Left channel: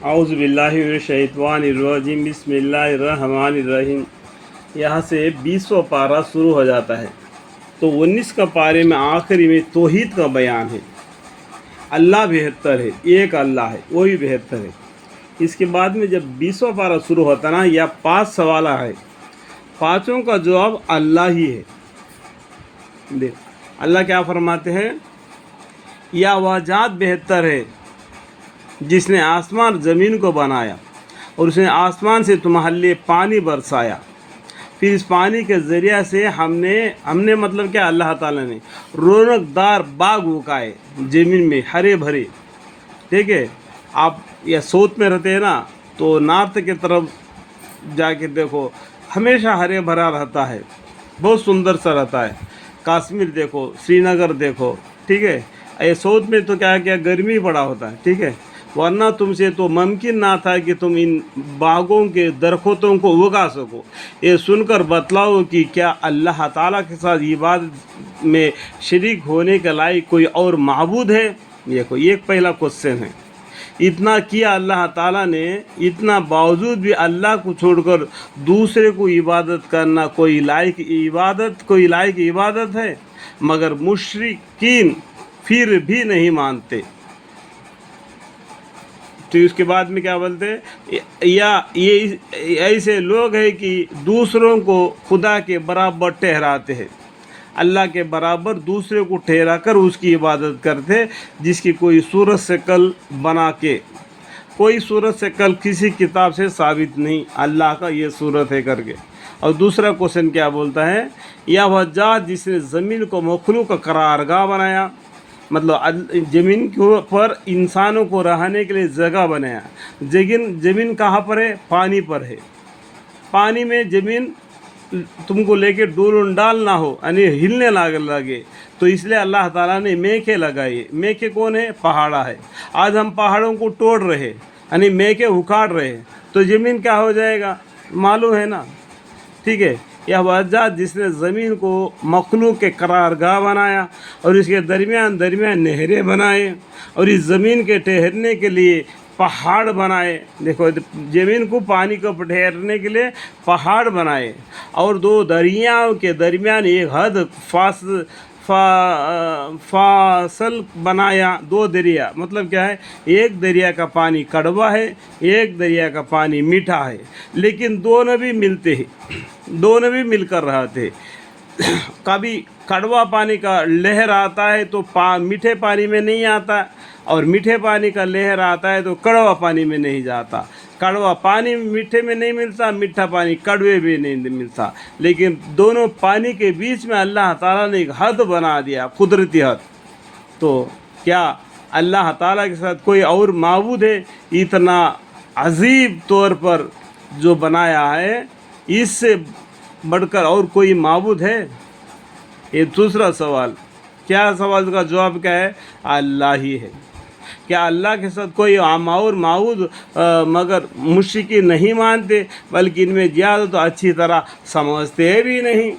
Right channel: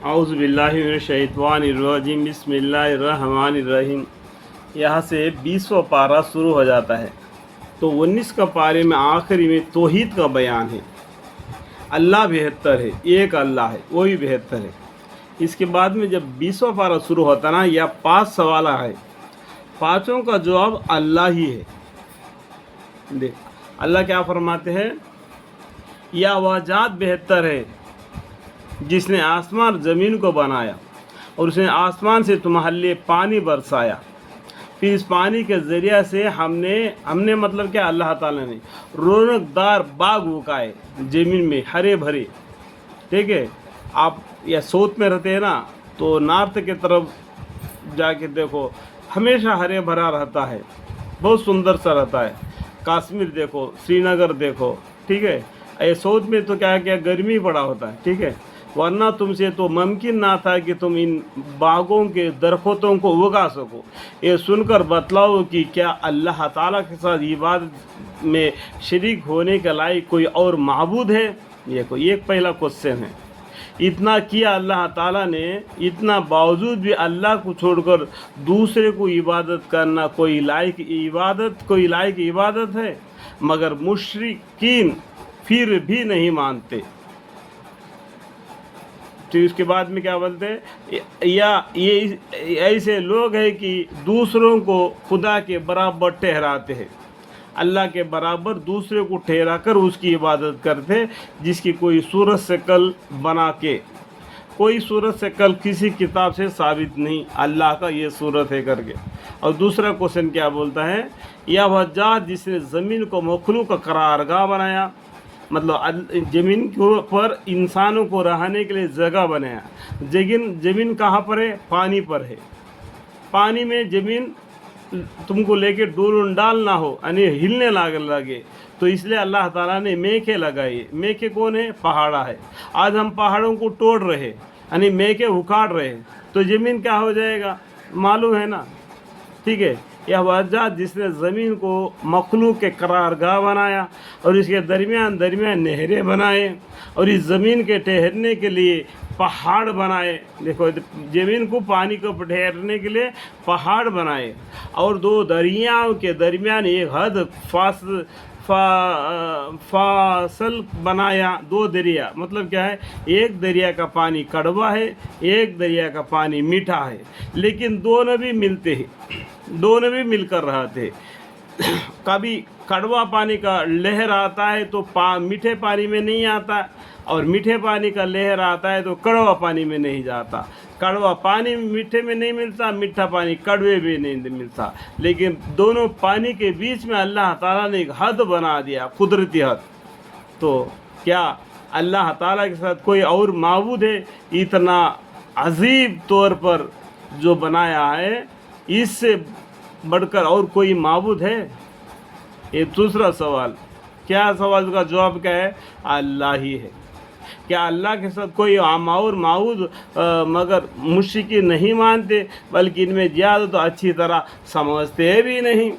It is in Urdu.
اعوذ باللہ من الشیطان الرجیم، بسم اللہ الرحمن الرحیم۔ یہاں سے 20واں پارہ شروع ہو جاتا ہے، تو 19 کا پارے میں آخری میں توحید کا بیان ہے۔ اللہ بہتر ہے، ایک اللہ ہے، وہی بہتر ہے۔ اس کے بعد میں جب 20واں پارہ شروع ہوتا نا، یا 5 سوال ہے، پانچوں کا جواب اللہ ہی ہے۔ دیکھ اللہ کیا فرماتے ہیں، یا وہ ذات بہتر ہے جس نے آسمان زمین کو بنایا اور اس نے آسمان سے تمہارے لیے پانی برسایا، پھر اس پانی کے ذریعہ سے ہم نے مطلب کیا، اللہ تعالیٰ نے رونق دار باغ اگائے زمین میں، ہرے بھرے۔ ٹھیک ہے، آپ یا سوت میں رہتے ہیں نا، تو نارتھ کی طرف جا کے دیکھو، ہمیشہ ہرے بھرا رہتا ہے، بہت سندر سا رہتا ہے۔ کشمیر دیکھو، سری نگر دیکھو، ٹھیک ہے۔ اے سوت میں تو کیا گرمی بڑا ہوتا ہے، ٹھیک ہے، ورنہ تم سے تو ممکن نہ تھا کہ تم ان باغوں کے درختوں کو اگا سکو۔ یہ سن کر بتلاؤ کہ کیا اللہ تعالیٰ کے ساتھ عبادت میں شریک ہونے کے لائق کوئی اور معبود ہے؟ یہ کوئی ایک پہلا کوশ্چن ہے۔ اتنا کیا اللہ تعالیٰ نے، اتنا باوجود بھی اللہ کو چھوڑ کر دوسرے کو عبادت کرنا کوئی لائق عبادت ہے؟ مگر مشرکین پھر بھی نہیں مانتے۔ تو اس کے بعد میں کیا بولتے ہیں، یا یہ ایسے لوگ ہیں کہ دوسروں کو خدا کے برابر ٹھہراتے ہیں، اللہ کے برابر دوسرے کو ٹھہرا کر اس کی عبادت کرتے، جس کی کوئی صورت شکل بنا کے، کوئی صورت شکل کسی کتاب سے ثابت نہیں اللہ کا یہ صورت ہے کر کے۔ اور دوسرا کوশ্چن کیا بولتا ہے، یا وہ ذات جس نے زمین کو مخلوق کا قرارگاہ بنایا، مطلب زمین کے اوپر انسانوں کو رہنے کے لیے جگہ بنایا۔ زمین کہاں پر ہے؟ پانی پر ہے۔ پانی میں زمین تم کو لے کے ڈول ڈال نہ ہو، یعنی ہلنے لگے، تو اس لیے اللہ تعالیٰ نے میکے لگائی۔ میکے کون ہے؟ پہاڑا ہے۔ آج ہم پہاڑوں کو توڑ رہے، یعنی میکے اکھاڑ رہے، تو زمین کیا ہو جائے گا؟ معلوم ہے نا، ٹھیک ہے۔ یہ وہ ذات جس نے زمین کو مخلوق کے قرارگاہ بنایا اور اس کے درمیان نہریں بنائے اور اس زمین کے ٹھہرنے کے لیے پہاڑ بنائے۔ دیکھو، زمین کو پانی کو ٹھہرنے کے لیے پہاڑ بنائے، اور دو دریاؤں کے درمیان ایک حد فاصل بنایا۔ دو دریا مطلب کیا ہے، ایک دریا کا پانی کڑوا ہے، ایک دریا کا پانی میٹھا ہے، لیکن دونوں بھی ملتے ہیں، دونوں بھی مل کر رہتے۔ کبھی کڑوا پانی کا لہر آتا ہے تو میٹھے پانی میں نہیں آتا، اور میٹھے پانی کا لہر آتا ہے تو کڑوا پانی میں نہیں جاتا۔ کڑوا پانی میٹھے میں نہیں ملتا، میٹھا پانی کڑوے میں نہیں ملتا، لیکن دونوں پانی کے بیچ میں اللہ تعالیٰ نے ایک حد بنا دیا، قدرتی حد۔ تو کیا اللہ تعالیٰ کے ساتھ کوئی اور معبود ہے؟ اتنا عجیب طور پر جو بنایا ہے، اس سے بڑھ کر اور کوئی معبود ہے؟ یہ دوسرا سوال۔ کیا سوال کا جواب کیا ہے؟ اللہ ہی ہے۔ کیا اللہ کے ساتھ کوئی اور معبود؟ مگر مشرکین نہیں مانتے، بلکہ ان میں زیادہ تو اچھی طرح سمجھتے بھی نہیں۔